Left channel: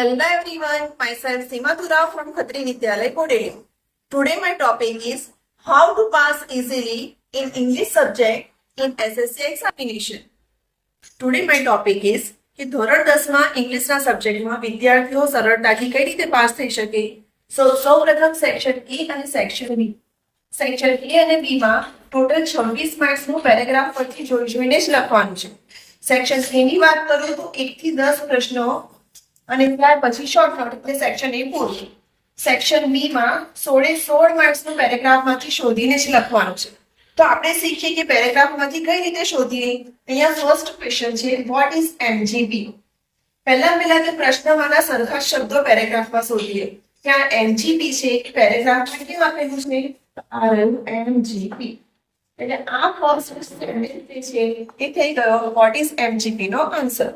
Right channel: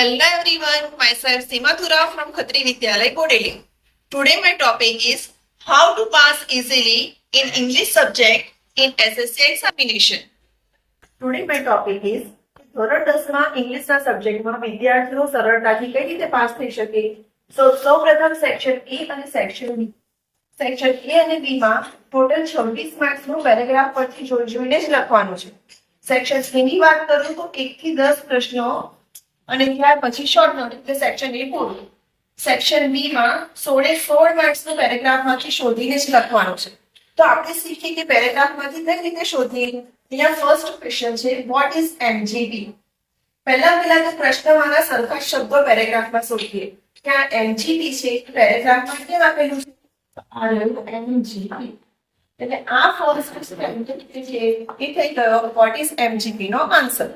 Hello everyone, myself Seema Thura from Khatri Vidyalaya, Bodeli. Today my topic is how to pass easily in English subject in SSC examination. Today my topic is કે ધોરણ 10 માં ઇંગ્લિશના સબ્જેક્ટમાં વિદ્યાર્થીઓ સરળતાથી કઈ રીતે pass થઈ શકે. સૌપ્રથમ સેક્શન A અને સેક્શન B. સેક્શન A અને B માં ટોટલ 26 માર્ક્સનું પેરેગ્રાફ પરથી જોઈને જ લખવાનું છે. સેક્શન A ની વાત કરું તો 1 થી 10 પ્રશ્નો અને ત્યાર પછી શોર્ટ નોટ એટલે સેક્શન A પૂરું. સેક્શન B માં 16 માર્ક્સનું પેરેગ્રાફમાંથી શોધીને જ લખવાનું છે. તો આપણે શીખીએ કે પેરેગ્રાફમાંથી કઈ રીતે શોધીએ. અહીંયા ફર્સ્ટ ક્વેશ્ચન છે વોટ ઇઝ MGP. પહેલા તો પ્રશ્નવાળા સરખા શબ્દો પેરેગ્રાફમાં શોધીએ. ત્યાં MGP છે પેરેગ્રાફમાં કેમ આપેલું છે RMGP. એટલે આ ફર્સ્ટ સેન્ટેન્સ છે એ થઈ ગયો વોટ ઇઝ MGP નો answer.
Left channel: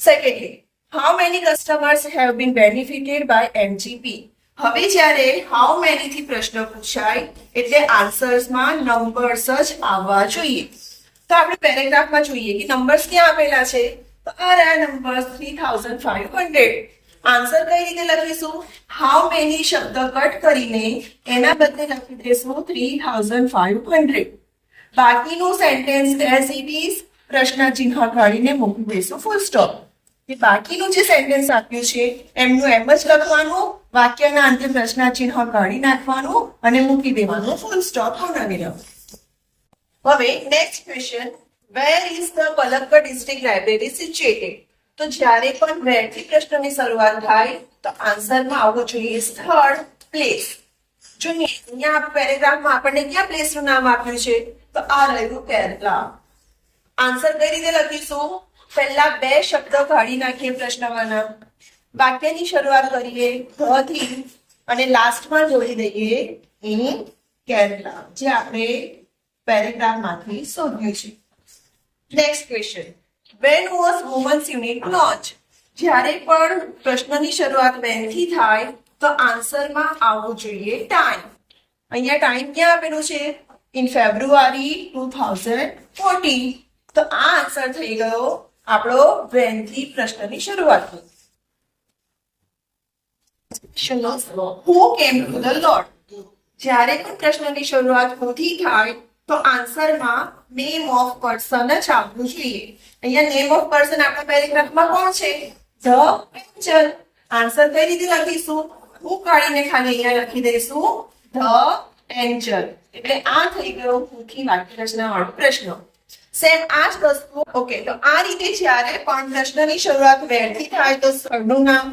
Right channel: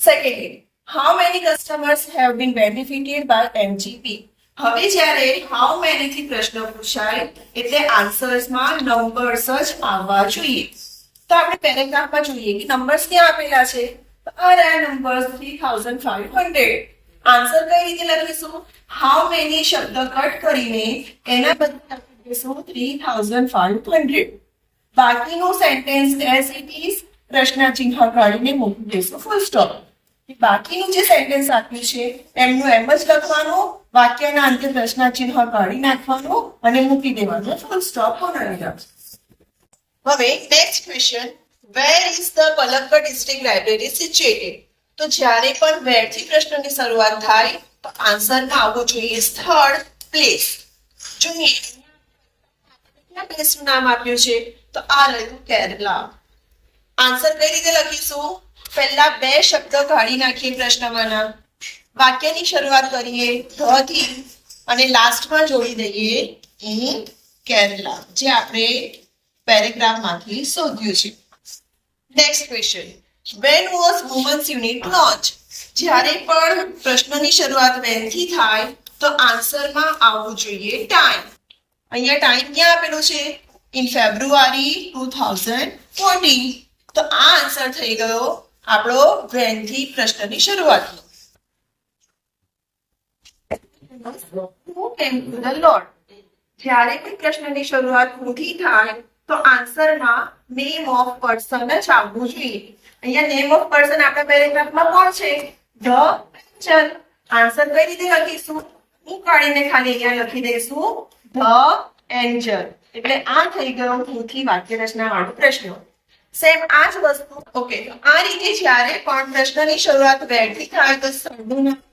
Secondly how many customers have been benefited by MGP. હવે જ્યારે how many થી પ્રશ્ન પૂછાય એટલે આન્સર્સમાં નંબર્સ જ આવવા જોઈએ. તો આપણે પેરેગ્રાફમાં જોઈએ કે નંબર્સ ક્યાં આપેલા છે. તો આ નંબર્સ 3500. આન્સર કઈ રીતે લખીશું. how many શબ્દ કટ કરીને એના બદલે લખી દઈશું 3500. બાકીનું સેન્ટેન્સ એઝ ઇટ ઇઝ પ્રશ્ન ચિહ્ન કાઢીને મૂકી દઈશું ફૂલ સ્ટોપ. કે બાકીનું જે સેન્ટેન્સ આપ્યું છે એમનું એમ જ લખવાનું, વાક્યના અંતે પ્રશ્ન ચિહ્ન કાઢી નાખવાનું અને મૂકી દેવાનું ફૂલ સ્ટોપ પૂર્ણવિરામ. હવે next question where is the Palakkad district library situated. તો જ્યારે પણ વેર થી પ્રશ્નની શરૂઆત થાય તો આન્સરમાં આવવું જોઈએ સ્થળ પ્લેસ. જોઈએ અહીંયા પેરેગ્રાફમાં આપણને ક્યાં પ્લેસનું નામ આપ્યું છે તો આ રહ્યું કેરલા. આન્સર કઈ રીતે લખીશું. પહેલા બે શબ્દ કાઢી નાખીએ પ્રશ્નવાળા, વાક્યની શરૂઆત કરીએ ધ થી અને લાસ્ટમાં જોડી દઈએ ઇન કેરલા, જે આપણે પેરેગ્રાફમાંથી શોધ્યું છે. Next question when was women's unit launched. જ્યારે પણ પ્રશ્નની શરૂઆત when થી થાય તો આન્સરમાં આવવું જોઈએ ટાઈમ. અહીંયા ટાઈમ ક્યાં આપેલું છે ઇન ફેબ્રુઆરી 2014. તો આ આન્સર થઈ ગયો આપણો when થી પ્રશ્નની શરૂઆત. who came to the Lord. જ્યારે પણ પ્રશ્નની શરૂઆત who થી થાય તો આન્સરમાં નેમ ઓફ પર્સન જ આવવું જોઈએ. અહીંયા નેમ ઓફ પર્સન આપણા પેરેગ્રાફમાં કોણ છે ધ એન્જલ. આન્સર કઈ રીતે લખીશું. હું કાઢીને ખાલી અહીંયા લખી દઈશું ધ એન્જલ. એટલે આ થઈ ગયો who થી વાક્ય રચના વાળો પ્રશ્ન. સેમ આ જ વસ્તુ. ઓકે, તો આ રીતે જ્યારે પણ પ્રશ્નની શરૂઆત વેર થી થાય તો સ્થળનું નામ,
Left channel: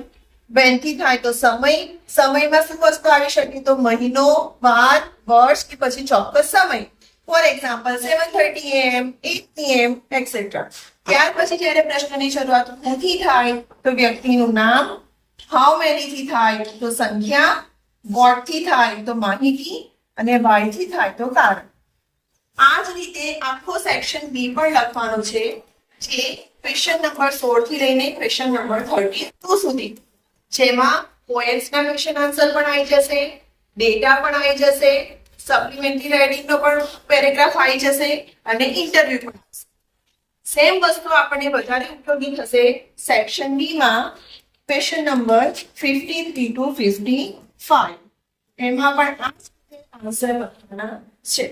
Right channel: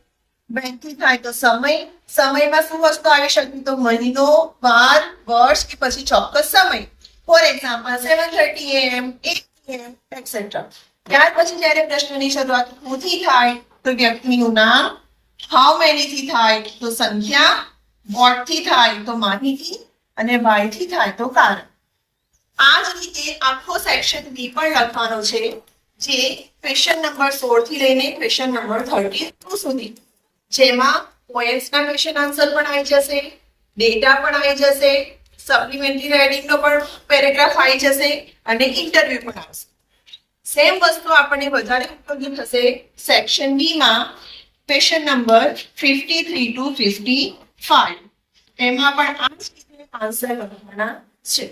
વેન થી થાય તો સમય, સમયમાં શું વસ્તુ આવી શકે તો મહિનો, વાર, વર્ષ કે પછી ચોક્કસ સમય. For example 7:30 AM, 8 PM etcetera. ત્યાર પછી જ્યારે પ્રશ્નની શરૂઆત who થી થાય તો વ્યક્તિનું નામ, how many થી થાય તો સંખ્યા, what થી થાય તો માહિતી અને why થી થાય તો કારણ. આ જ રીતે આખો સેક્શન બી પણ લખવાનો છે, જે ક્વેશ્ચન નંબર 16 થી લઈને ક્વેશ્ચન નંબર 32 સુધી, જેમાં પોએમ્સના ક્વેશ્ચન આન્સર પણ આવી જશે, ડેટા પણ આવી જશે, સપ્લિમેન્ટરી રાઇટિંગનો પણ પેરેગ્રાફ આવી જશે અને ઇન્ટરવ્યુ પણ આવશે. સેમ વસ્તુ આપણને વધારે ઉપયોગી થશે સેક્શન બી માં ક્વેશ્ચન નંબર 53 to 55. એમાં પણ આ જ રીતે આન્સર લખવાના છે.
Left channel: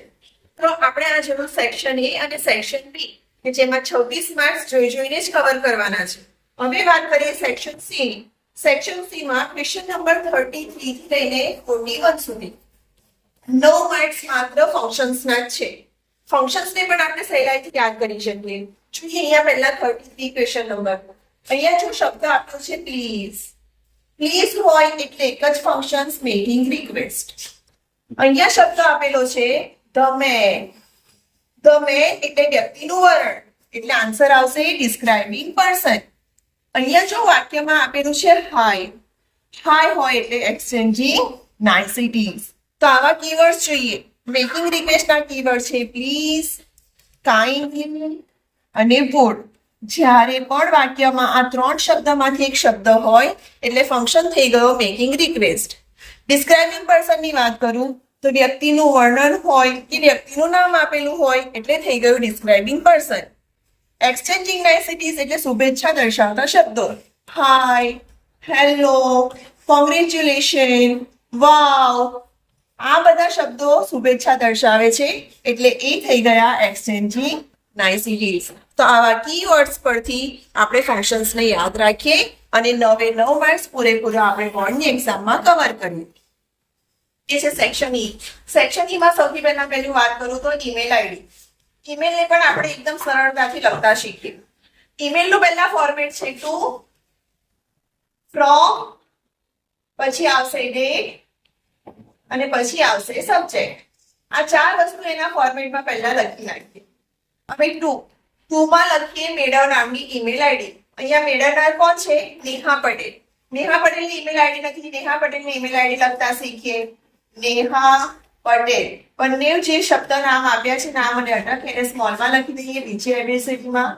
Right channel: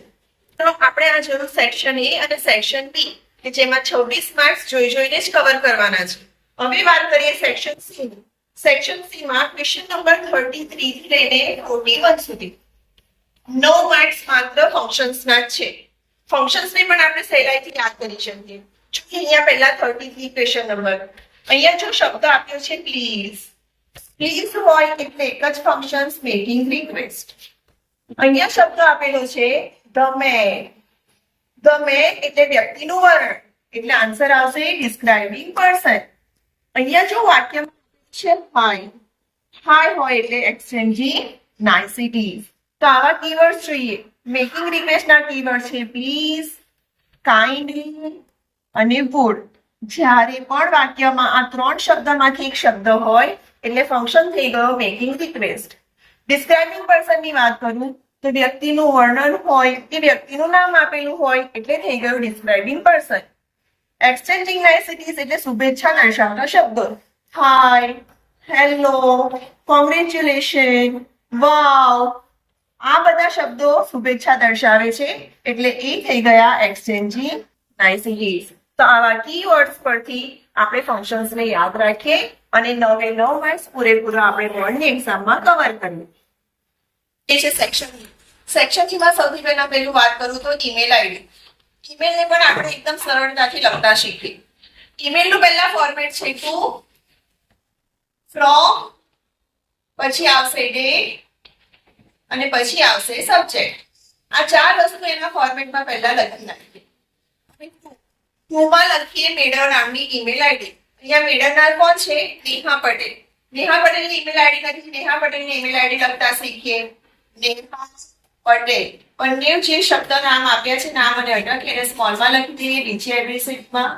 તો આપણે આ જોયું સેક્શન એ અને સેક્શન બી કે જેમાં 26 માર્ક્સ જોઈને જ કવર કરવાના છે. હવે વાત કરીએ સેક્શન સી ની. સેક્શન સી માં ક્વેશ્ચન નંબર 33 થી લઈને 41 સુધી 9 માર્ક્સ માત્ર ફંક્શન્સના જ છે. ફંક્શન્સને પણ આપણે સહેલાઈથી યાદ કરી શકીએ. જોઈએ અહીંયા પહેલા 33 ક્વેશ્ચન નંબર. અહીંયા જો શબ્દ આપ્યો છે પ્લીઝ. પ્લીઝ હોય એટલે એક જ ફંક્શન્સ મેકિંગ રિક્વેસ્ટ. અહીંયા શબ્દ આપેલો છે ધ મેન. ધ મેન એટલે વ્યક્તિનું વર્ણન, એટલે આન્સર આવશે ડિસ્ક્રાઇબિંગ પર્સન. અહીંયા જો વાક્યમાં આપેલું છે હાય. હાય હોય એટલે એક્સચેન્જિંગ નાઇસિટીઝ. તો આવા કીવર્ડ્સ જોઈએ. મેકિંગ રિક્વેસ્ટના કીવર્ડ છે પ્લીઝ, કાઇન્ડલી અને વુડ. જ્યારે પણ વાક્યમાં આ ત્રણ શબ્દમાંથી એક શબ્દ હોય એટલે ફંક્શન થઈ ગયો મેકિંગ રિક્વેસ્ટ. ડિસ્ક્રાઇબિંગ પર્સનની વાત કરું તો વ્યક્તિનું વર્ણન હોય કે વ્યક્તિનું નામ આપેલું હોય એટલે થઈ ગયું ડિસ્ક્રાઇબિંગ પર્સન. એક્સચેન્જિંગ નાઇસિટીઝ એટલે શુભેચ્છા દર્શાવતા શબ્દો. હાય, હેલો, કોંગ્રેચ્યુલેશન, વાવ, આ બધા શબ્દો શુભેચ્છા દર્શાવે છે એટલે એ થઈ ગયા એક્સચેન્જિંગ નાઇસિટીઝ. તો આવા કીવર્ડ્સ પરથી આપણે ફંક્શન્સને યાદ રાખીએ અને 9 માર્ક્સ પૂરેપૂરા આપણે બોર્ડની એક્ઝામમાં કવર કરીએ. એ છે સેક્શન ઈ. સેક્શન ઈ માં સૌથી પહેલા પહેલું વાત કરું તો ઈમેલ આઈડી. ઈમેલને પણ આપણે એકદમ સરળતાથી લખતા શીખીએ. ઈમેલનું પહેલા ફોર્મેટ છે ટુ, ફ્રોમ, પછી આવશે ડેટ અને પછી આવશે સબ્જેક્ટ. આ ચાર વસ્તુ એના ફોર્મેટમાં પહેલા લખી નાખીએ. હવે ટુમાં લખીએ મેડમ નામની ઈમેલ આઈડી. અહીંયા મેડમનાર કોણ છે? નેહા પટેલ. નેહા પટેલની ઈમેલ આઈડી નથી. નેહા પટેલની ઈમેલ આઈડી લખતા શીખીએ. નેહા પટેલ. બંને જે શબ્દ નામ આપ્યા છે, નામ અને અટક, એને સ્મોલમાં લખી દઈએ. નીચે એડ્રેસીટમાં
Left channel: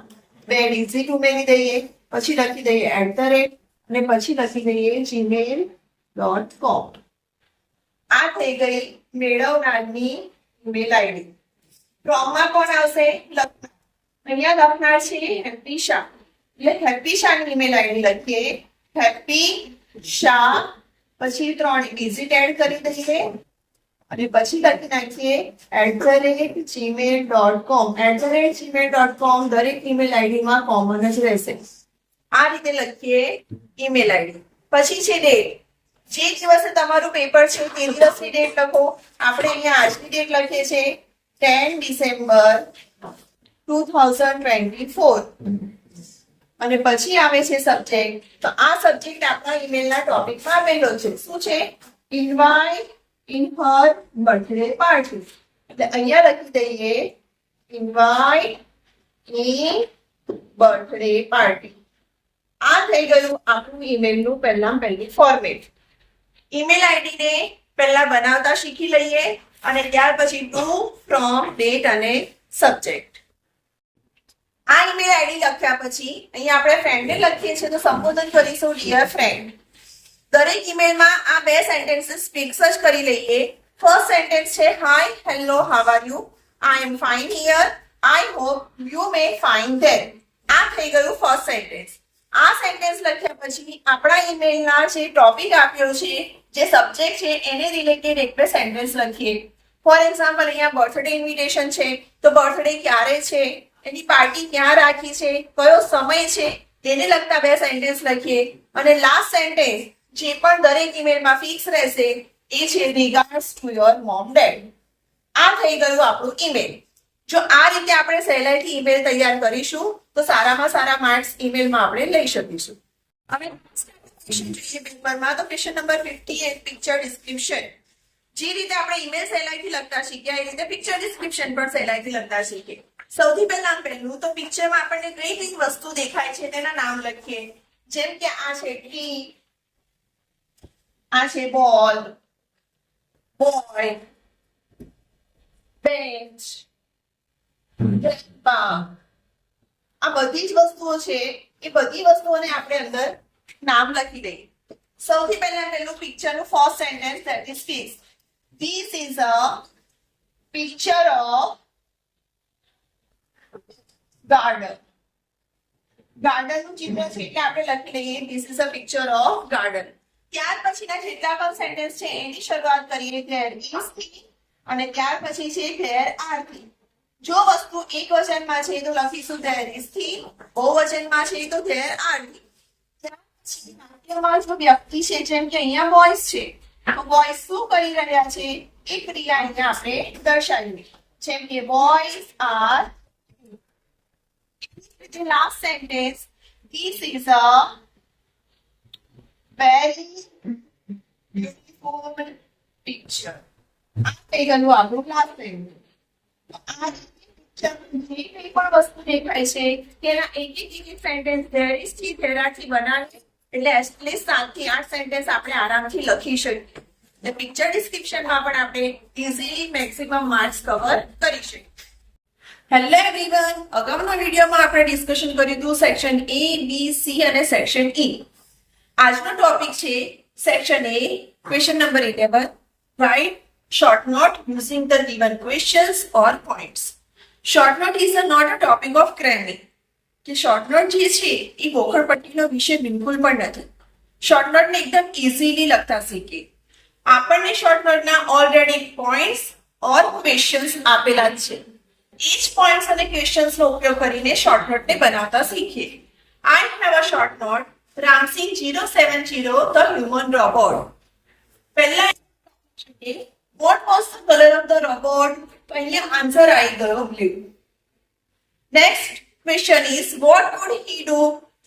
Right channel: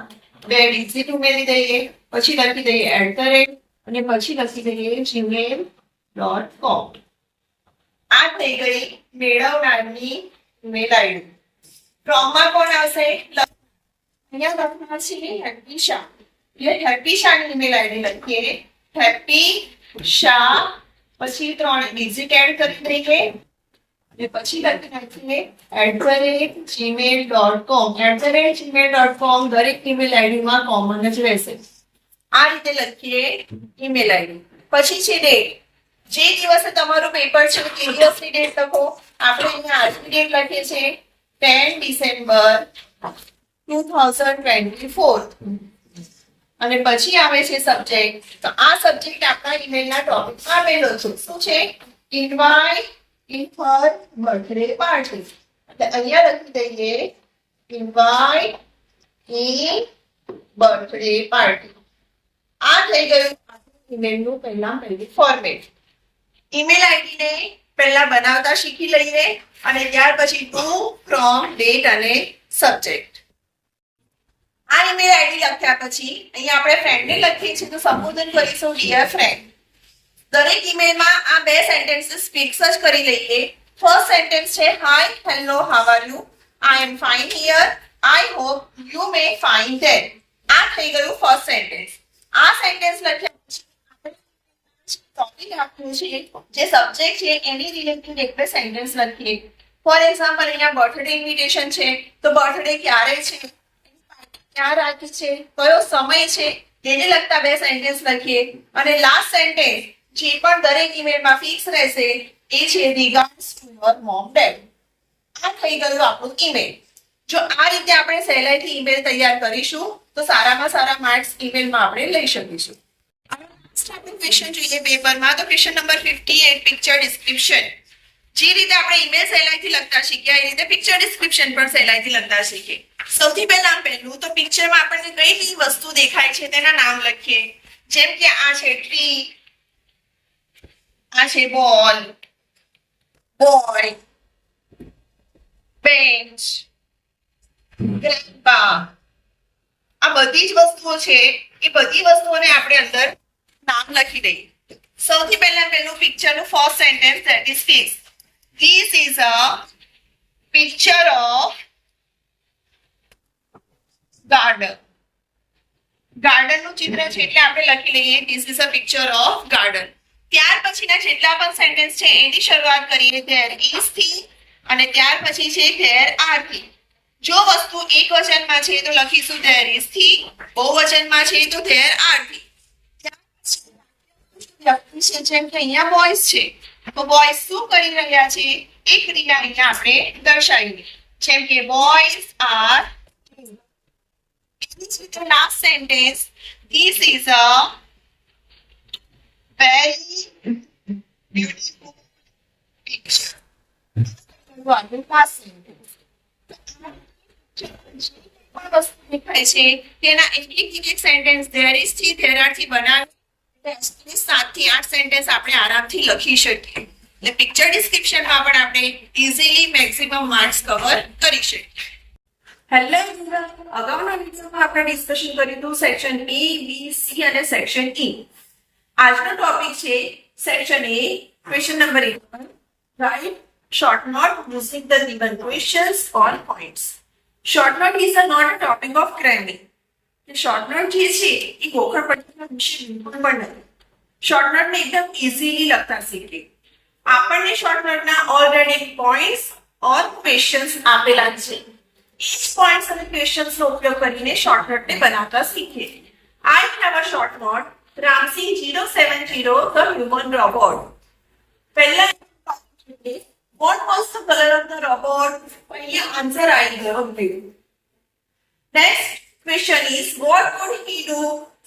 2 ડિજિટ ઉમેરી દઈએ. પછી લખી દઈએ @ અને પછી લખી દઈએ gmail.com. આ થઈ ગઈ મેળવ નામની ઈમેલ આઈડી. ફ્રોમમાં કોણ આવશે? અહીંયા લખનાર છે હેપી શાહ. એટલે હેપી શાહની ઈમેલ આઈડી લખીએ. હેપી શાહ, પછી 3 ડિજિટ એડ કરી દઈએ અને પછી લખી નાખીએ @gmail.com. @gmail.com દરેક ઈમેલ આઈડીમાં કોમન જ રહેશે. આ રીતે લખીએ ઈમેલ આઈડી. પછી છે ડેટ. જે દિવસે તમારું પેપર છે તે દિવસની ડેટ લખો. આપણે અહીંયા આજની ડેટ લખીએ છીએ 10 ડિસેમ્બર 2024 અને પછી આવે છે સબ્જેક્ટ. તો આ સબ્જેક્ટ આપણા ઈમેલના ટોપિકમાં આપેલો છે. શું છે? Invite in her birthday party. એટલે અહીંયા લખી દઈએ ઇન્વાઇટ ઇન બર્થડે પાર્ટી. આ થઈ ગયું આપણું ઈમેલનું પહેલી ફોર્મેટ. ઈમેલ આઈડીને પહેલા બનાવતા શીખી લઈએ અને ત્યાર પછી ટુ, ફ્રોમ, ડેટ અને સબ્જેક્ટ. આ ઈમેલ આઈડી લખ્યા પછી અહીંયા આપણે ફ્રેન્ડને લખીએ છીએ તો સંબોધન કરીશું ડિયર ફ્રેન્ડ. દરેક ઈમેલમાં આ 2 સેન્ટેન્સીસ ફિક્સ જ કરી લઈએ. ફર્સ્ટ સેન્ટેન્સ છે hi, hello, how are you? I am fine here. I hope you may fine there. આ થઈ ગયું ફર્સ્ટ સેન્ટેન્સ. આ સેન્ટેન્સ લખ્યા પછી આપણા ઈમેલના જે ટોપિક આપ્યો છે, જે સબ્જેક્ટ છે, એને રિલેટેડ એક બે સેન્ટેન્સ લખીએ. ફોર એક્ઝામ્પલ અહીંયા બર્થડે ઇન્વિટેશન છે તો બર્થડે ક્યારે છે, એની પાર્ટી ક્યાં રાખી છે, કયો સમય છે, તેને લગતા 2 સેન્ટેન્સ લખીએ. અને લાસ્ટ સેન્ટેન્સ જે પણ દરેક ઈમેલમાં ફિક્સ રહેશે એ છે regards to your mom dead. આ થઈ ગયું આપણું ઈમેલ. જો આ રીતે આપણે સહેલાઈથી ઈમેલ તૈયાર કરીશું તો સારામાં સારા માર્ક્સ ઈમેલમાં આપણે લઈ શકીશું. હવે આપણે ક્વેશ્ચન જોઈએ પેપરમાં. તો ક્વેશ્ચન નંબર 58 પિક્ચર ડિસ્ક્રિપ્શન. જે રીતે આપણે ઈમેલ સહેલાઈથી લખતા શીખ્યા એ રીતે પિક્ચર ડિસ્ક્રિપ્શન પણ સહેલાઈથી લખતા શીખીએ. સૌથી પહેલું તો પિક્ચરમાં આપણને કઈ કઈ વસ્તુ દેખાય છે તેના નામ લખીએ. જેમ કે આ છે ટ્રી, આ છે બોલ, બોય, બેન્ચ, ગ્રેન્ડપા. આ બધી જ વસ્તુઓ છે. એ બધી વસ્તુઓને આપણે અંદર નામ લખી દઈએ. સૌથી પહેલું પિક્ચરનું first sentence that is fix. This is a picture of garden. ગાર્ડનનું ચિત્ર છે એટલે આપણે લખી લઈએ this is a picture of garden. ત્યાર પછીના જેટલા પણ સેન્ટેન્સ છે એની શરૂઆત કરીએ there is થી અને ત્યાર પછી છે there are થી. જો વસ્તુ એકવચનમાં છે તો લખીશું there is થી, બહુવચનમાં છે તો there are થી. ત્યાર પછી વાક્યમાં જો વ્યક્તિ છે જેમ કે અહીંયા બોયઝ છે તો બોયઝ શું કરી રહ્યા છે એ ક્રિયા અહીંયા આપણે દર્શાવીએ. જેમ કે boys are. Last sentence this is a very beautiful picture. આ થઈ ગયું આપણું લાસ્ટ સેન્ટેન્સ. તો આ જે કંઈ પણ વસ્તુ દેખાય છે તેના એક સેન્ટેન્સ there is થી there are થી બનાવીએ એટલે એટલીસ્ટ 7 થી 8 સેન્ટેન્સ આપણે આરામથી લખી શકીએ. એટલે પિક્ચર ડિસ્ક્રિપ્શનમાં પણ આપણે ઇઝીલી મેક્સિમમ માર્ક્સ કવર કરી શકીએ. હેલો એવરીવન, અગાઉના વિડીયોમાં આપણે ડિસ્કશન કર્યું હતું સેક્શન A, B, C અને સેક્શન E. આજનો ટોપિક છે section A, question number 11. Write short note using the given questions or points. Short note is not a topic of cramming. કે short note જે છે એ ગોખણપટ્ટીનો વિષય બિલકુલ પણ નથી. શોર્ટનોટને એકદમ ઇઝીલી લખતા શીખીએ. આપણને શોર્ટનોટના ઓલરેડી પોઈન્ટ્સ ઓર ક્વેશ્ચન્સ આપેલા જ છે. એ જ પોઈન્ટ્સ અને ક્વેશ્ચન્સનો ઉપયોગ કરીને શોર્ટનોટને બનાવતા શીખીએ. I have a short note. Ramsing 070, the human robot. પહેલા what was the color of the robot? તો અહીંયા આન્સર આવી ગયો blue. Next question is what would he do?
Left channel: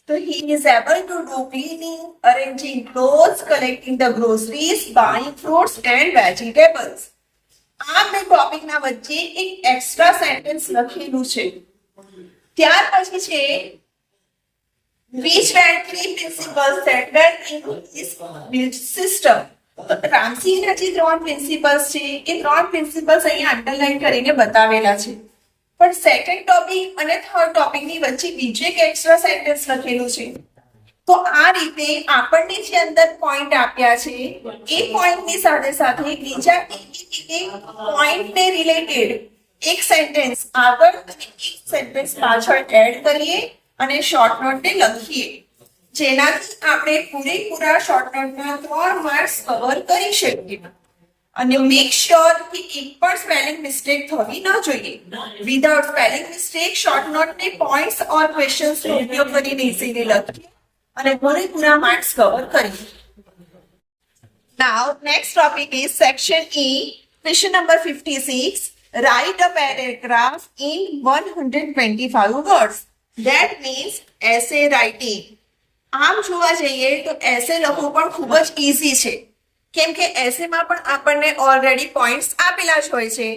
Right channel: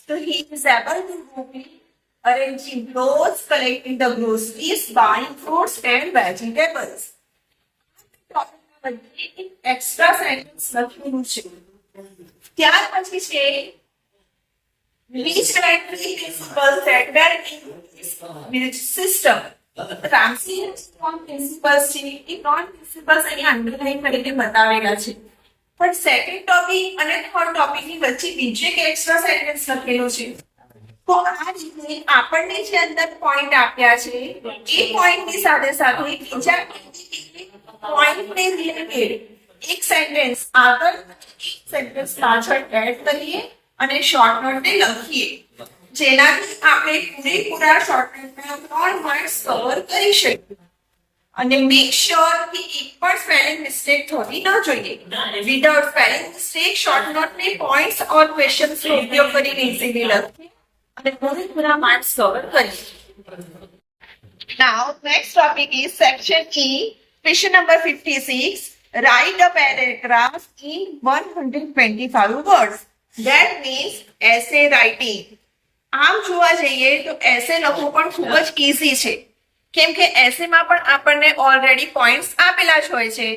So he is able to do cleaning, arranging clothes, collecting the groceries, buying fruits and vegetables. આ બે ટોપિકના વચ્ચે એક extra sentence લખેલું છે. ત્યાર પછી છે which were three principles that were in his belief system. રામસીના જે ત્રણ પ્રિન્સિપલ્સ છે એ ત્રણ પ્રિન્સિપલ્સ અહીંયા અંડરલાઈન કરીને બતાવેલા છે. પણ સેકન્ડ ટોપિક અને થર્ડ ટોપિકની વચ્ચે બીજું એક એક્સ્ટ્રા સેન્ટેન્સ લખેલું છે. તો આ રીતે આપણને જે અંદર પોઈન્ટ આપ્યા છે એ પોઈન્ટની સાથે સાથે બીજા એક પોઈન્ટને રિલેટેડ એક સેન્ટેન્સ આગળ અને એક સેન્ટેન્સ પાછળ એડ કરીએ અને શોર્ટ નોટને લખીએ, જેનાથી આપણે પૂરેપૂરા શોર્ટ નોટના 3 માર્ક્સ કવર કરી શકીએ. અને મેક શ્યોર કે એક પણ સ્પેલિંગ મિસ્ટેક થવી ન જોઈએ. વિધાઉટ સ્પેલિંગ મિસ્ટેક શોર્ટ નોટને પોઈન્ટ્સ ઓર ક્વેશ્ચન્સનો ઉપયોગ કરીને ઇઝીલી લખીએ અને પૂરેપૂરા માર્ક્સ કવર કરીએ. Now next topic is section E, question number 56. Write a paragraph in 125 words. That means essay writing. આમ જોવા જઈએ તો એસે લખવું પણ ખૂબ જ ઈઝી છે, કેમ કે એસેમાં પણ આપણને ઓલરેડી પોઈન્ટ્સ આપેલા જ હોય છે.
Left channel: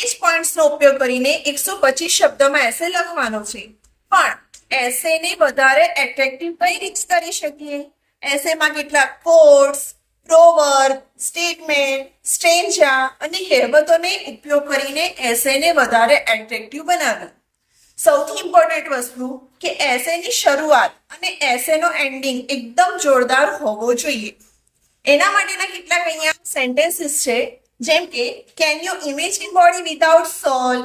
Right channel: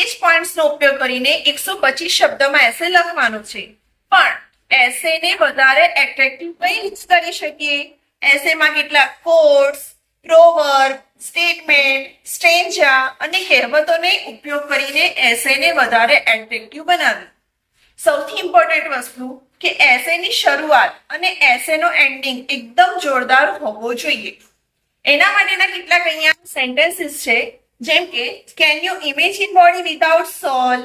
એ જ પોઈન્ટ્સનો ઉપયોગ કરીને 125 શબ્દોમાં એસે લખવાનો છે. પણ એસેને વધારે એટ્રેક્ટિવ કઈ રીતે કરી શકીએ? એસેમાં કેટલાક કોટ્સ, પ્રોવર્બ, સ્ટેટમેન્ટ, સ્ટ્રેન્જા અને કહેવતોને ઉપયોગ કરીને એસેને વધારે એટ્રેક્ટિવ બનાવે. સૌથી ઇમ્પોર્ટન્ટ વસ્તુ કે એસેની શરૂઆત અને એસેનો એન્ડિંગ એકદમ જોરદાર હોવો જોઈએ. એના માટેના કેટલાક અહીંયા સેન્ટેન્સીસ છે, જેમ કે can you imagine body without soul,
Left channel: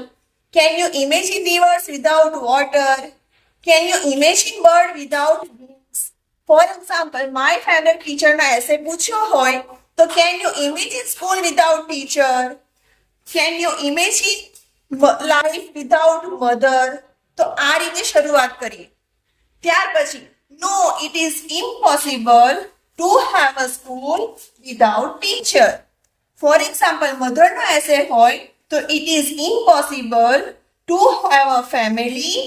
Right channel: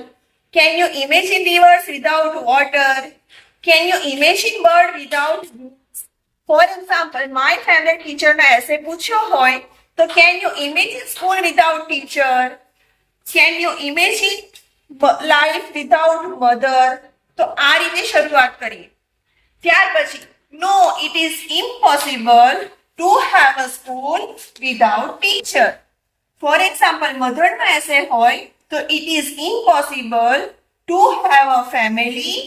can you imagine rivers without water, can you imagine bird without wings. For example, my favourite ટીચરના એસે પૂછ્યો હોય તો can you imagine school without teacher, can you imagine life without mother. તો આ રીતે શરૂઆત કરીએ. ત્યાર પછી no it is impossible to have a school without teacher. For example, મધરનો એસે હોય તો it is impossible to have a family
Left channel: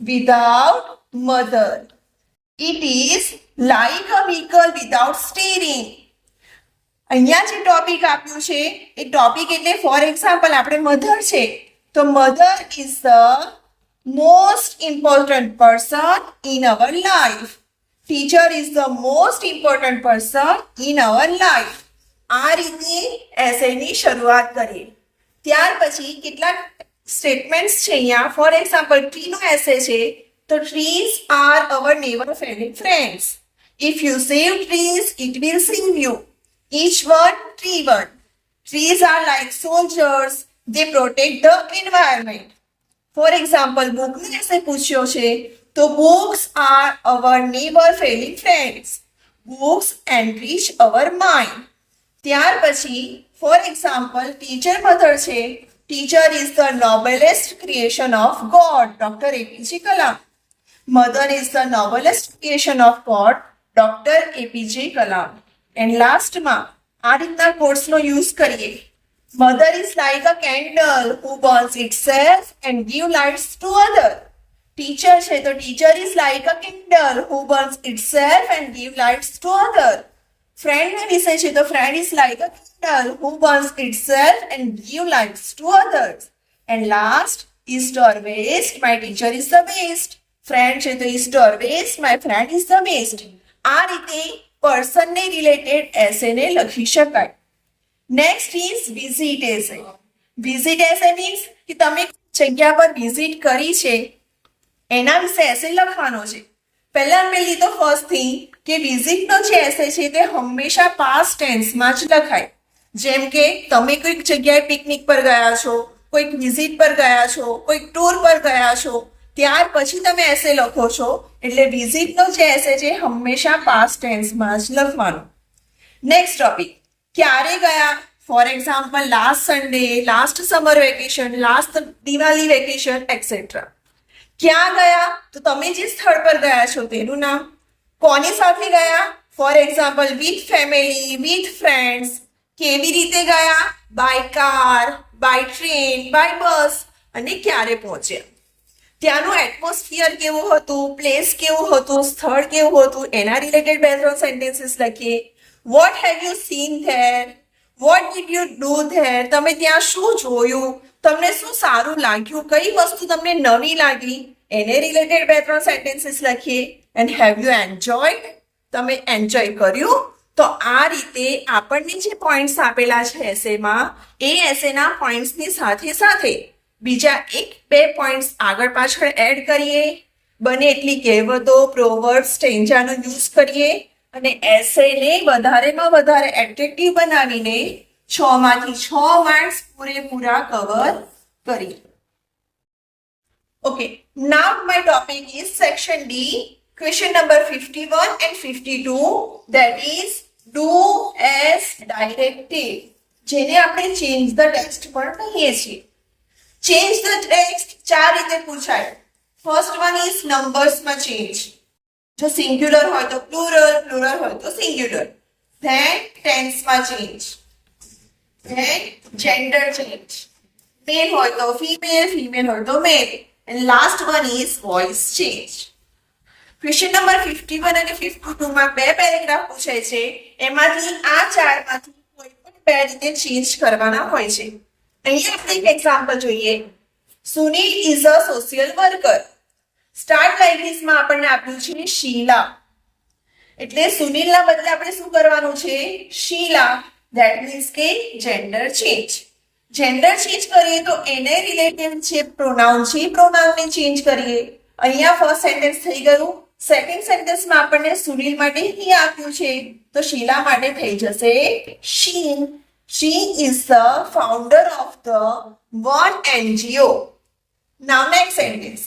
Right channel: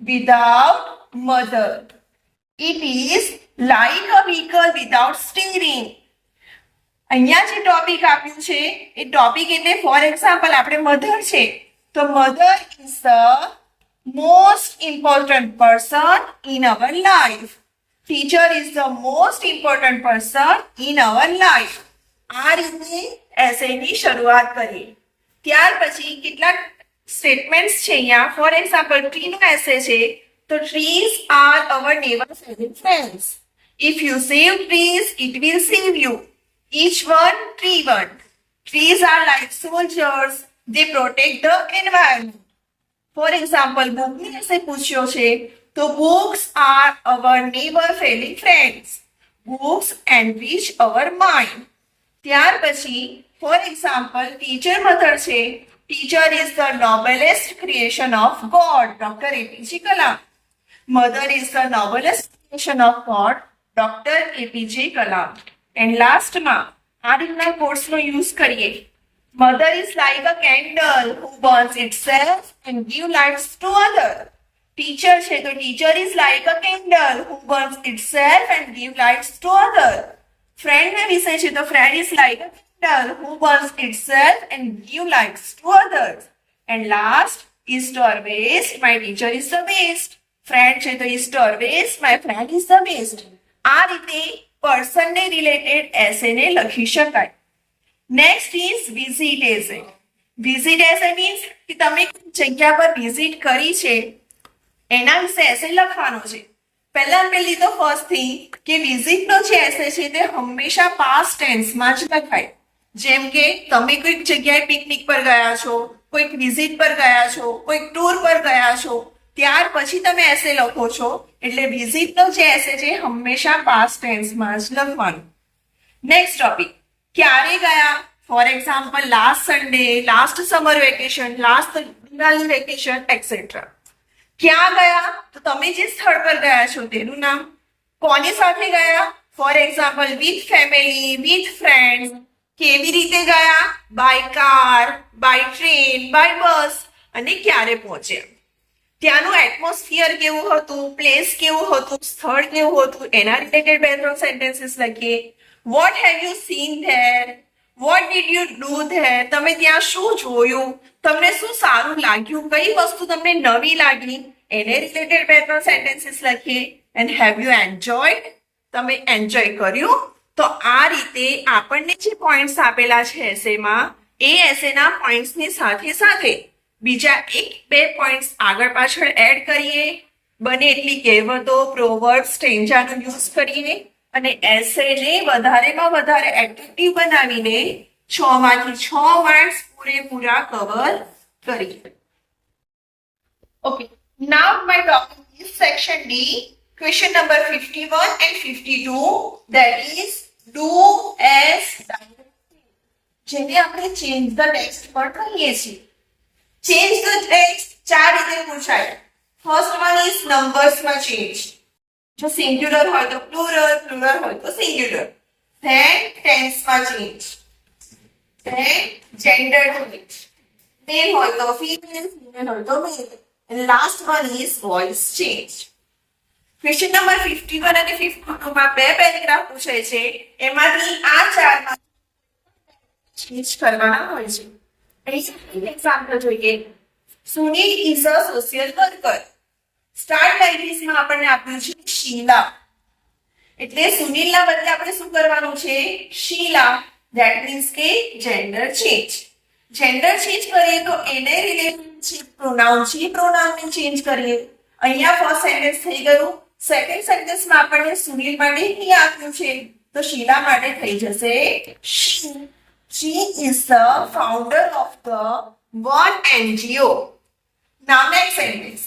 without mother. It is like a vehicle without steering. અહીંયા જે ટોપિક આપ્યું છે એ ટોપિક એટલે for example આપણે mother છે તો mother is the most important person in our life. Teacher is the most important person in our life. આ રીતે એસેની શરૂઆત કરીએ. ત્યાર પછી કેટલાક સ્ટેટમેન્ટ્સ છે અહીંયા. ફોર એક્ઝામ્પલ, ટ્રીનો એસે છે તો trees are our never Fehling friends. If you save trees it will save you. Each one, tree one. Trees are like soldiers. They protect the environment. For example, bookને એસે પૂછ્યો છે તો books are our never failing friends. Books enrich our mind. ત્યાર પછી for example, teacher mother છે. Teacher is the noblest creation of God. Dr. APJ Kalam. Mother is the noblest creation of God. Dr. APJ Kalam. And lastમાં આ રીતના કોટ્સનો use કરીએ. Mother is like a candle who burns itself and give lights to other. Teacher છે તો teacher is like a candle who burns itself and give lights to other. ફ્રેન્ડના વિશે છે તો friend is like a candle who burns itself and give lights to others. And last, east or west my teacher is the best. Friend છે તો east or west my friend is the best. આ રીતે પર્સનને related એસેને લખી શકાય. Next is visit essay. Visit essay means કે તમે જગ્યા પર વિઝિટ કરી છે એના વિશે એસે લખવાનો છે. પહેલી તો ફર્સ્ટ થિંગ કે વિઝિટનો જે એસે છે તે હંમેશા પાસ્ટ ટેન્સમાં જ લખાય. જેમ કે તમે કોઈક જગ્યાએ પિકનિક પર ગયા છો, કોઈક વિઝિટ પર ગયા છો, કોઈક ટૂર પર ગયા છો, ત્યાર પછી તમે એસે લખો છો એટલે વિઝિટનો જે એસે છે હંમેશા પાસ્ટ ટેન્સમાં જ લખવાનું. નેક્સ્ટ ટોપિક, ક્યારે ગયા? For example last Sunday, last summer vacation, last Diwali vacation et cetera. ક્યાં ગયા? તો તમે જે સ્થળ પર ગયા છો તેનું નામ. કોની સાથે ગયા? For example with family, with friends. કેવી રીતે ગયા? By car, by train, by bus. અને ક્યારે પહોંચ્યા? ત્યાંનું એટમોસ્ફિયર કેવું હતું, પ્લેસ કેવું હતું, સ્થળ કેવું હતું, એના રિલેટેડ 2-3 સેન્ટેન્સીસ લખીએ. What have you seen there? What did you do there? તમે ત્યાં શું જોયું? તમને શું સારું લાગ્યું? કઈ વસ્તુ તમને નવી લાગી? એને રિલેટેડ 2-3 સેન્ટેન્સીસ લખીએ. And have you enjoyed? તમે એન્જોય કર્યું? તો આ રીતે આપણને જે પોઈન્ટ્સ આપેલા છે એસેમાં, એ એસેના પોઈન્ટ્સની સાથે સાથે બીજા 1-2 પોઈન્ટ્સ આગળ પાછળ એડ કરીએ. બને એટલી કહેવતો, પ્રોવર્બ્સ, સ્ટેન્જાનો યુઝ કરીએ અને એસેને વધારેમાં વધારે એટ્રેક્ટિવ બનાવીને 6 માંથી 6 માર્ક્સ પૂરેપૂરા કવર કરીએ. Okay, now my topic is section D, question number 51 and 52, that is do as directed, જેને આપણે change the text પણ કહીએ છીએ. Change the text 4 રીતે પૂછાય. ફર્સ્ટ વન ઇઝ નંબર્સમાં ચેન્જ. જો સિંગ્યુલર હોય તો પ્લુરલ, પ્લુરલ હોય તો સિંગ્યુલર. ધેન ટેન્સમાં change. Then gender change. Male હોય તો ફીમેલ, ફીમેલ હોય તો મેલ. And last one is voice change. Question number 51 અને 52 માં 2 પેરેગ્રાફ પૂછાય છે. એમાંથી આ 4 માંથી કોઈ પણ 2 રીતે ચેન્જ કરવાના હોય છે. અહીંયા આપણે એક એક્ઝામ્પલ જોઈએ. Sunil is a social worker. Start like this માં આપણને આપ્યું છે શીલા. એટલે સુનિલના બદલે આપણે શું કરવાનું છે? શીલા. ધેટ મીન્સ કે જેન્ડર ચેન્જ. જેન્ડર ચેન્જ કરીએ તો એને રિલેટેડ જે પ્રોનાઉન છે એ પ્રોનાઉનને ચેન્જ કરીએ. અહીંયા ફર્સ્ટ સેન્ટેન્સ થઈ ગયું. સેકન્ડ સેન્ટેન્સમાં આપણને સુનિલ માટે હી આપ્યું છે તો શીલા માટે થઈ જશે શી. She is the founder of the one NGO. Now next sentence.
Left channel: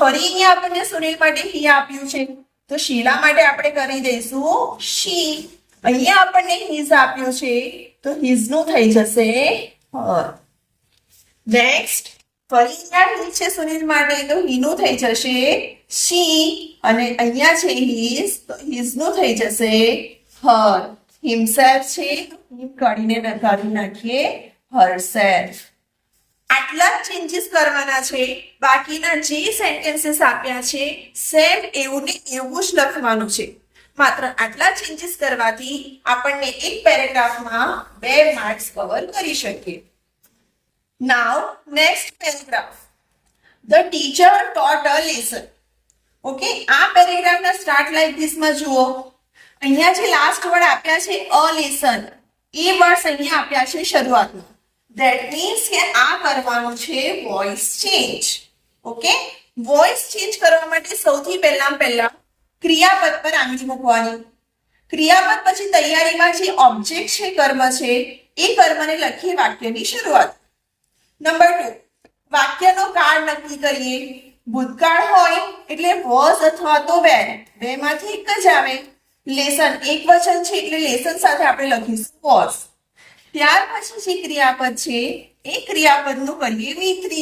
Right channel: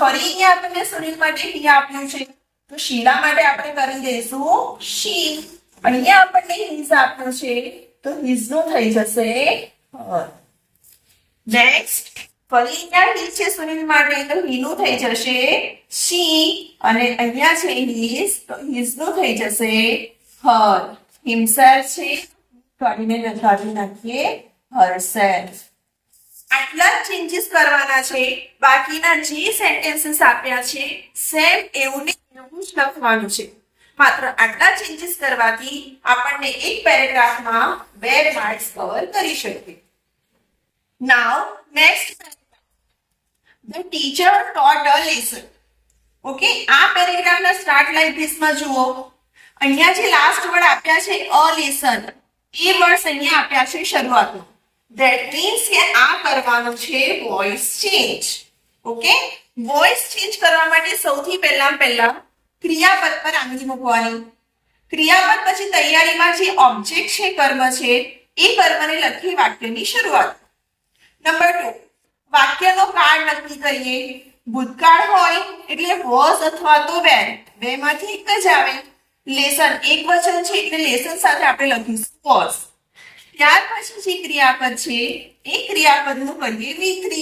ફરી અહીંયા આપણને સુનિલ માટે હી આપ્યું છે તો શીલા માટે આપણે કરી દઈશું she. અહીંયા આપણને his આપ્યું છે તો his નું થઈ જશે her. નેક્સ્ટ ફરી અહીંયા he છે સુનિલ માટે તો he નું થઈ જશે she અને અહીંયા છે his તો his નું થઈ જશે her. himself છે કાઢીને લખાવી નાખીએ herself. આટલા ચેન્જીસ કરવાના છે. બાકીના જે સેન્ટેન્સીસ આપ્યા છે સેમ એવું ને એવું જ લખવાનું છે. માત્ર આટલા ચેન્જીસ કરવાથી આપણને એક પેરેગ્રાફમાં 2 માર્ક્સ કવર કરી શકીએ. Now next paragraph. The teacher taught a lesson. Okay, આ પેરેગ્રાફના સ્ટાર્ટ લાઈક ધીસ માં જુઓ. અહીંયા જે લાસ્ટ વર્ડ આપ્યા છે અ લેસન, એ વર્ડ્સ અહીંયા આપ્યા છે શરૂઆતમાં. ધેટ મીન્સ કે આ કરવાનું છે voice change. Okay, voice change કરવા માટે સૌથી પહેલા ક્રિયાપદ પર આંગળી મૂકવાની. ક્રિયાપદ પછી તૈયારીમાં જે ઓબ્જેક્ટ છે, કર્મ છે, એ કર્મને લખી વાક્યની શરૂઆત. નંબર 2, વાક્યનો કાળ નક્કી કરીએ. ભૂતકાળ હોય એટલે વોઝ અથવા તો વેર, બેમાંથી એક જ આવે. લેસન એક વચન છે એટલે લેસન સાથે આપણે લખીશું વોઝ. ત્યાર પછી જે ક્રિયાપદ છે એ ક્રિયાપદનું કરીએ V3.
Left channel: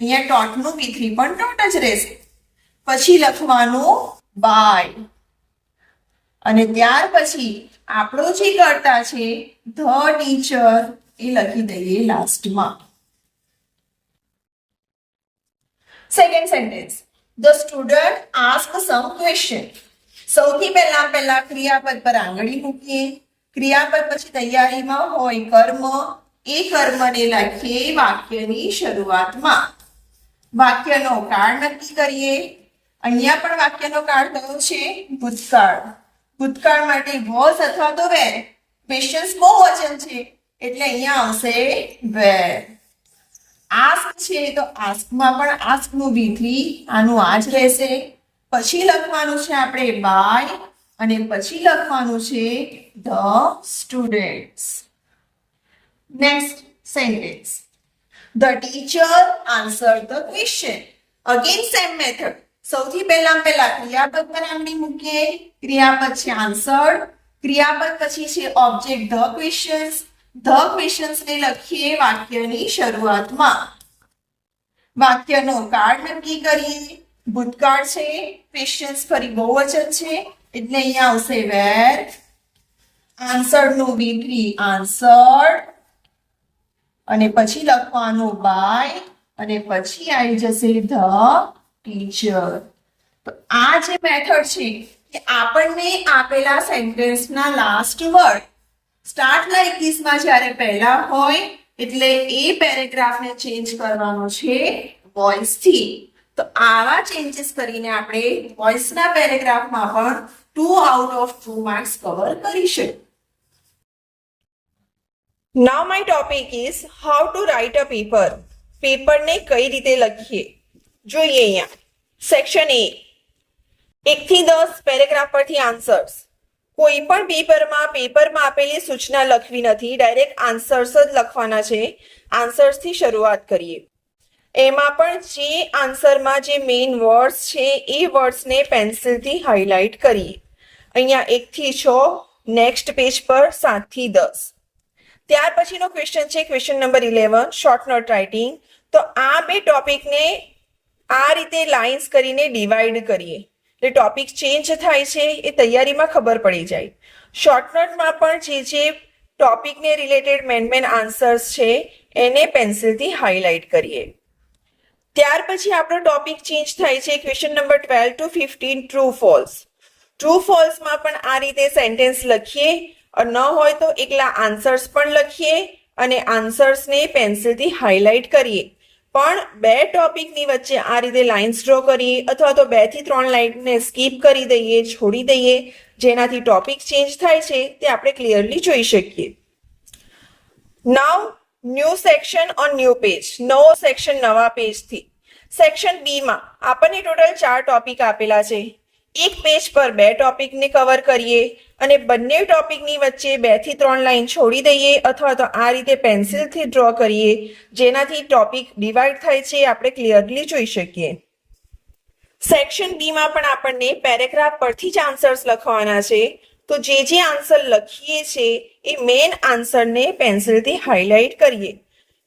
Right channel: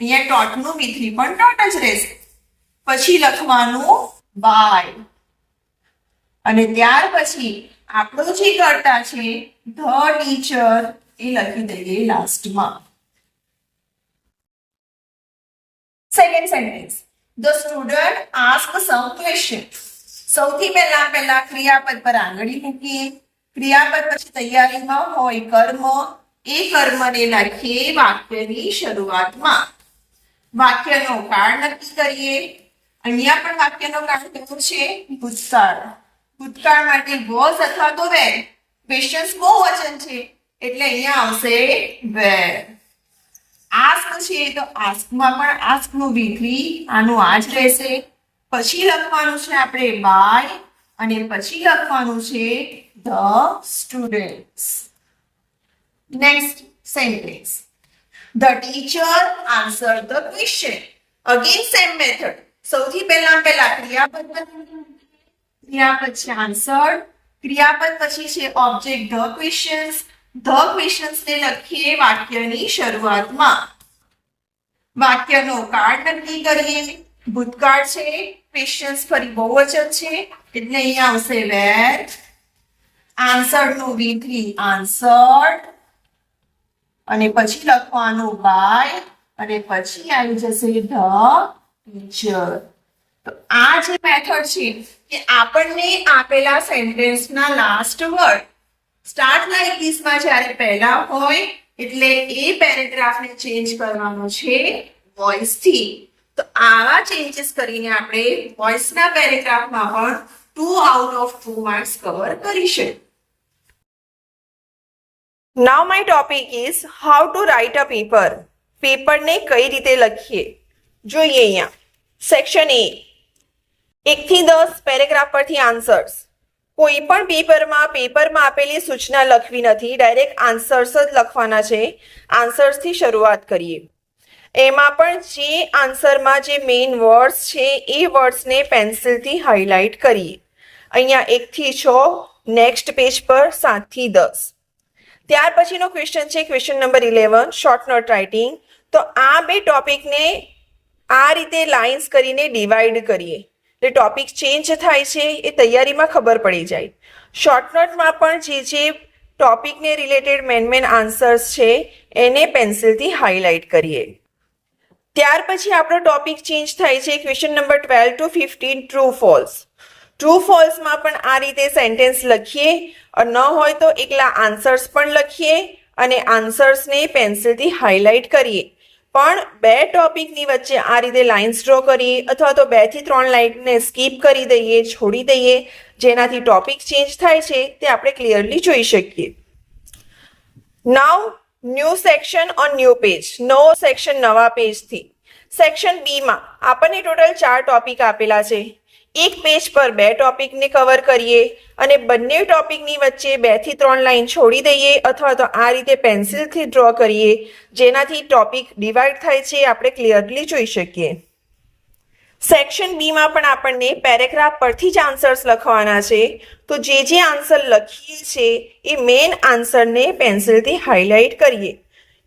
અહીંયા ટોટનું V3 પણ ટોટ જ રહેશે. પછી લખવાનું બાય અને ત્યાર પછી આપણો જે કર્તા છે ધ ટીચર એ લખી દઈએ લાસ્ટમાં. Second sentence. The student ask some question. સૌથી પહેલા ક્રિયાપદ પર આંગળી મૂકીએ. ક્રિયાપદ પછી તૈયારીમાં હોય કર્મ, એ કર્મને લખીએ વાક્યની શરૂઆતમાં. વાક્યનો કાળ નક્કી કરીએ. અહીંયા પણ વાક્યનો કાળ કયો છે? ભૂતકાળ. ભૂતકાળ માટે વોઝ અથવા તો વેર. ક્વેશ્ચન્સ બહુવચન છે એટલે અહીંયા આવશે વેર. આસ્ક છે તો આસ્કમાં પણ આસ્કનું V3 આનું આ જ રહેશે. પછી લખવાનું છે આપણે બાય અને પછી લખવાનું છે the students. Next sentence. The teacher answer the question. Again same method. સૌથી પહેલા ક્રિયાપદ બનાવની મૂકીએ. ક્રિયાપદ છે આન્સર. ક્રિયાપદ પછી છે object the questions. The questions ને લખીએ વાક્યની શરૂઆતમાં. વાક્યનો કાળ નક્કી કરીએ. ભૂતકાળ છે, ક્વેશ્ચન્સ ફરી બહુવચન છે એટલે અહીંયા આવશે વેર. આન્સર્ડ નું V3 આન્સર્ડ અને પછી લખવાનું બાય અને પછી આવી જશે ધ ટીચર. તો આ જે મેથડ છે કે આપણને આપેલા સેન્ટેન્સના last word start like this માં જ્યારે પહેલા હોય એટલે એ પેરેગ્રાફને ચેન્જ કરવાનો છે વોઇસ થી. તો આવા ચેન્જીસ કરીને આપણે વોઇસના પેરેગ્રાફમાં પણ 2 out of 2 માર્ક્સ કવર કરીશું. Now my topic is how to write a paper. પેપરને કઈ રીતે લખીએ જોઈએ. અહીંયા સેક્શન A 1 થી 10 પેરેગ્રાફ પરથી આન્સર્સ. કોઈ પણ પેપરમાં આપેલી સૂચના લખવી નથી, ડાયરેક્ટ આન્સર્સ જ લખવાના છે. આન્સર્સથી શરૂઆત કરીએ. એમાં પણ જે આન્સરમાં જે મેઇન વર્ડ્સ છે એ વર્ડ્સને પેન્સિલથી હાઇલાઇટ કરીએ. અહીંયા 1 થી 6, નેક્સ્ટ પેજ પર 7 થી 10. ત્યાર પછીનો ક્વેશ્ચન છે question number 11 short note writing. તો આ બે ટોપિકને આ રીતે લાઇન્સ કરીને ડિવાઈડ કરીએ એટલે ટોપિક ચેન્જ થાય છે એ તૈયારીમાં ખબર પડી જાય. શોર્ટ નોટમાં પણ જે ટોપિકને રિલેટેડ મેન આન્સર્સ છે એને પેન્સિલથી હાઇલાઇટ કરીએ. ત્યાર પછી આપણો ટોપિક ચેન્જ થાય છે question number 12 to 15 true false. True ફોલ્સમાં પણ આ રીતે સેન્ટેન્સ લખીએ, ન હોય તો એકલા આન્સર્સ પણ લખીએ અને આન્સર્સને પેન્સિલથી હાઇલાઇટ કરીએ. પણ બે ટોપિકની વચ્ચે આ રીતે લાઇન્સ ડ્રો કરીએ અથવા તો 2 થી 3 લાઇનને સ્કીપ કરી દઈએ, છોડી દઈએ, જેનાથી ટોપિક ચેન્જ થાય છે તે આપણે ક્લિયરલી જોઈ શકીએ. Now new section on new page. નવો સેક્શન નવા પેજથી. સેક્શન બી માં આપણને ટોટલ 4 ટોપિક આપેલા છે. એક પેજ પર 2 ટોપિકને કવર કરીએ અને બંને ટોપિકની વચ્ચે 2 થી 3 લાઈન છોડી દઈએ અથવા તો આ રીતે પેન્સિલથી ડ્રો કરીએ, જેનાથી ટોપિક ડિવાઈડ થાય છે આપણે ક્લિયરલી જોઈ શકીએ. સેક્શન બી માં પણ આપણને પેરેગ્રાફ પરથી જ આન્સર્સ લખવાના છે. તો જે આન્સર લખીએ છે એ મેઇન આન્સરને પેન્સિલથી હાઇલાઇટ કરીએ.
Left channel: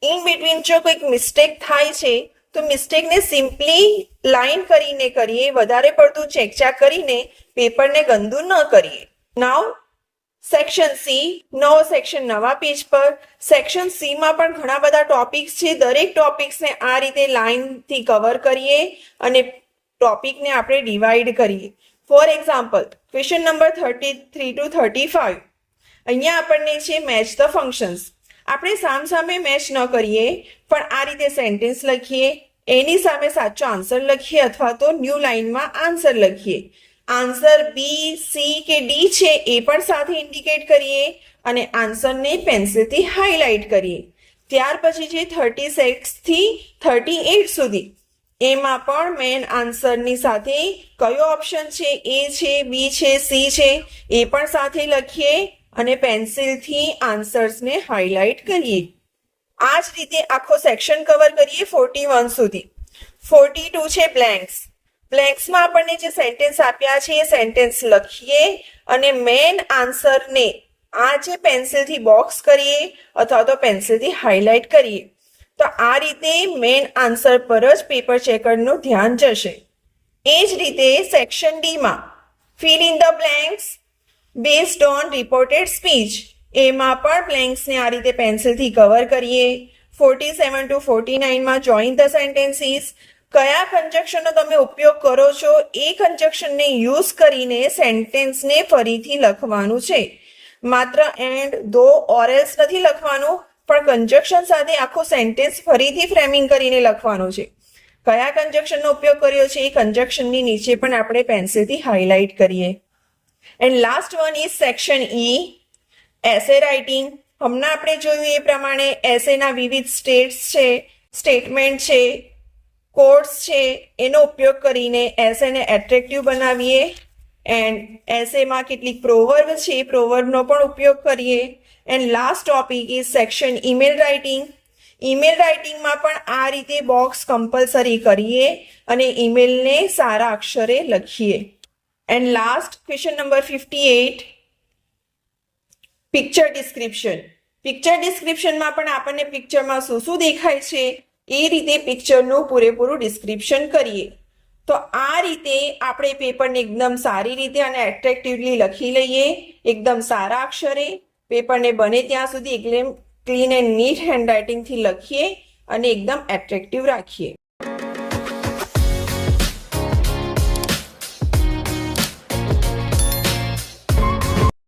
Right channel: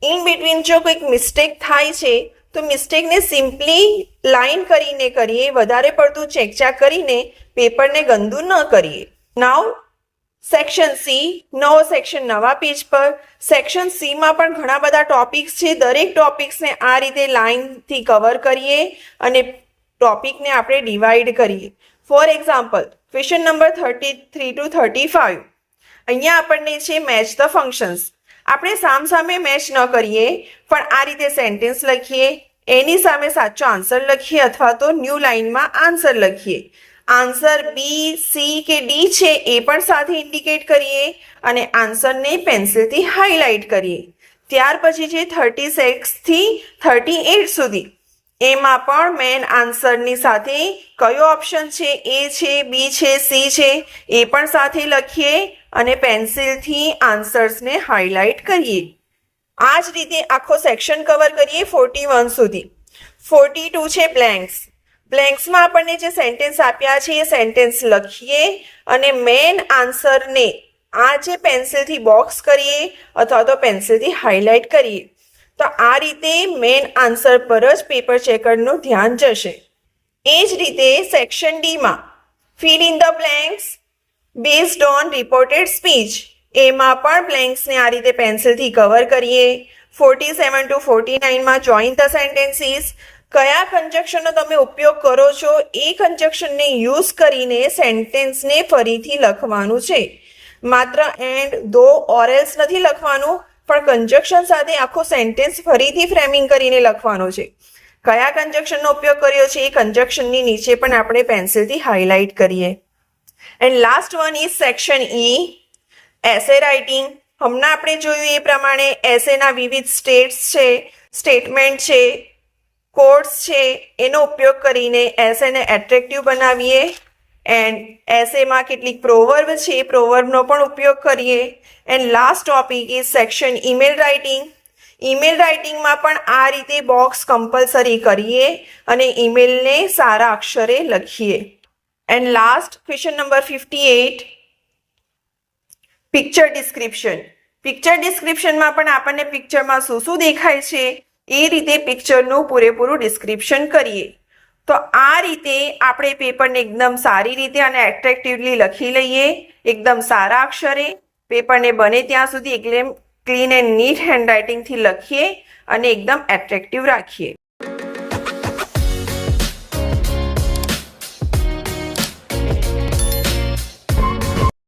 ઇન બિટવીન જો કોઈક મિસ્ટેક થાય છે તો મિસ્ટેકને સિમ્પલી લાઇન કરીને કરીએ, વધારે પડતું ચેકચાક કરીને પેપરને ગંદુ ન કરીએ. નાઉ સેક્શન સી, નવો સેક્શન નવા પેજ પર. સેક્શન સી માં પણ ઘણા બધા ટોપિક્સ છે. દરેક ટોપિક્સને આ રીતે લાઇનથી કવર કરીએ અને ટોપિકને આપણે ડિવાઈડ કરીએ. For example question number 33 to 35. અહીંયા આપણને છે મેચ ધ ફંક્શન્સ. આપણે સામસામે મેચ ન કરીએ પણ આ રીતે સેન્ટેન્સ લખીએ, એની સામે સાચો આન્સર લખીએ અથવા તો ન્યૂ લાઇનમાં આન્સર લખીએ. આન્સર બી, સી કે ડી છે એ પણ સાથે ઇન્ડિકેટ કરીએ અને આન્સરને પેન્સિલથી હાઇલાઇટ કરીએ. ત્યાર પછી છે 36 થી 38 સુધી. એમાં પણ મેન આન્સરની સાથે કયો ઓપ્શન છે, એ છે, બી છે, સી છે એ પણ સાથે લખીએ અને પેન્સિલથી આન્સર્સને હાઇલાઇટ કરીએ. આ જ રીતે આખો સેક્શન કવર કરીએ 41 સુધી. 42 છે બ્લેન્ક્સ. બ્લેન્ક્સમાં આપણને જે સેન્ટેન્સ આપ્યા છે એ સેન્ટેન્સ લખીએ અને મેન આન્સરને આ જે પેન્સિલથી બોક્સ કરીએ અથવા તો પેન્સિલથી હાઇલાઇટ કરીએ. તો આ રીતે મેન આન્સર પર જ પેપર ચેકરનું ધ્યાન જશે. એ જ રીતે સેક્શન ડીમાં fill in the blanks based on reported speech. એમાં પણ બ્લેન્ક્સને આ રીતે પેન્સિલથી કવર કરીએ. 47 to 49 માં જોઈન ધ સેન્ટેન્સીસ. કયા કન્જક્શનનો તમે ઉપયોગ કરો છો એ કન્જક્શનને યુઝ કરીને સેન્ટેન્સને ફરીથી લખવાનું છે. માત્ર એન્ડ, ધો, ઓર એલ્સ નથી લખવાનું, પણ કન્જક્શન સાથે આખો સેન્ટેન્સ ફરીથી ફ્રેમિંગ કરીને લખવાનું છે. કયા કન્જક્શનનો ઉપયોગ કર્યો છે એ કન્જક્શનની નીચે પણ આપણે પેન્સિલથી હાઇલાઇટ કરીએ. And last one is section E, essay writing. હમણાં આપણે જોયું એ પ્રમાણે એસેના વિવિધ સ્ટેટમેન્ટ છે, કોડ્સ છે, એનો ઉપયોગ કરીને એસેને એટ્રેક્ટિવ બનાવીએ. એન્ડ એસેમાં કેટલીક પ્રોવર્બ છે એ પ્રોવર્બનો પણ ઉપયોગ કરીએ. And last topic is section email writing. Email રાઇટિંગમાં પણ આ રીતે બોક્સ કમ્પલસરી કરીએ અને ઈમેલને સારા અક્ષરે લખીએ. And last question number 58, picture description. Picture ડિસ્ક્રિપ્શનમાં પણ આપણને પિક્ચરમાં શું શું દેખાય છે એ રીતે પિક્ચરનું પૂરેપૂરું ડિસ્ક્રિપ્શન કરીએ. તો આ રીતે આપણે પેપરને એકદમ સારી રીતે અને એટ્રેક્ટિવલી લખી લઈએ, એકદમ સારા અક્ષરે. પેપરને બને ત્યાં સુધી એકદમ ક્લીન એન્ડ નીટ હેન્ડરાઇટિંગથી લખીએ અને એકદમ એટ્રેક્ટિવ રાખીએ.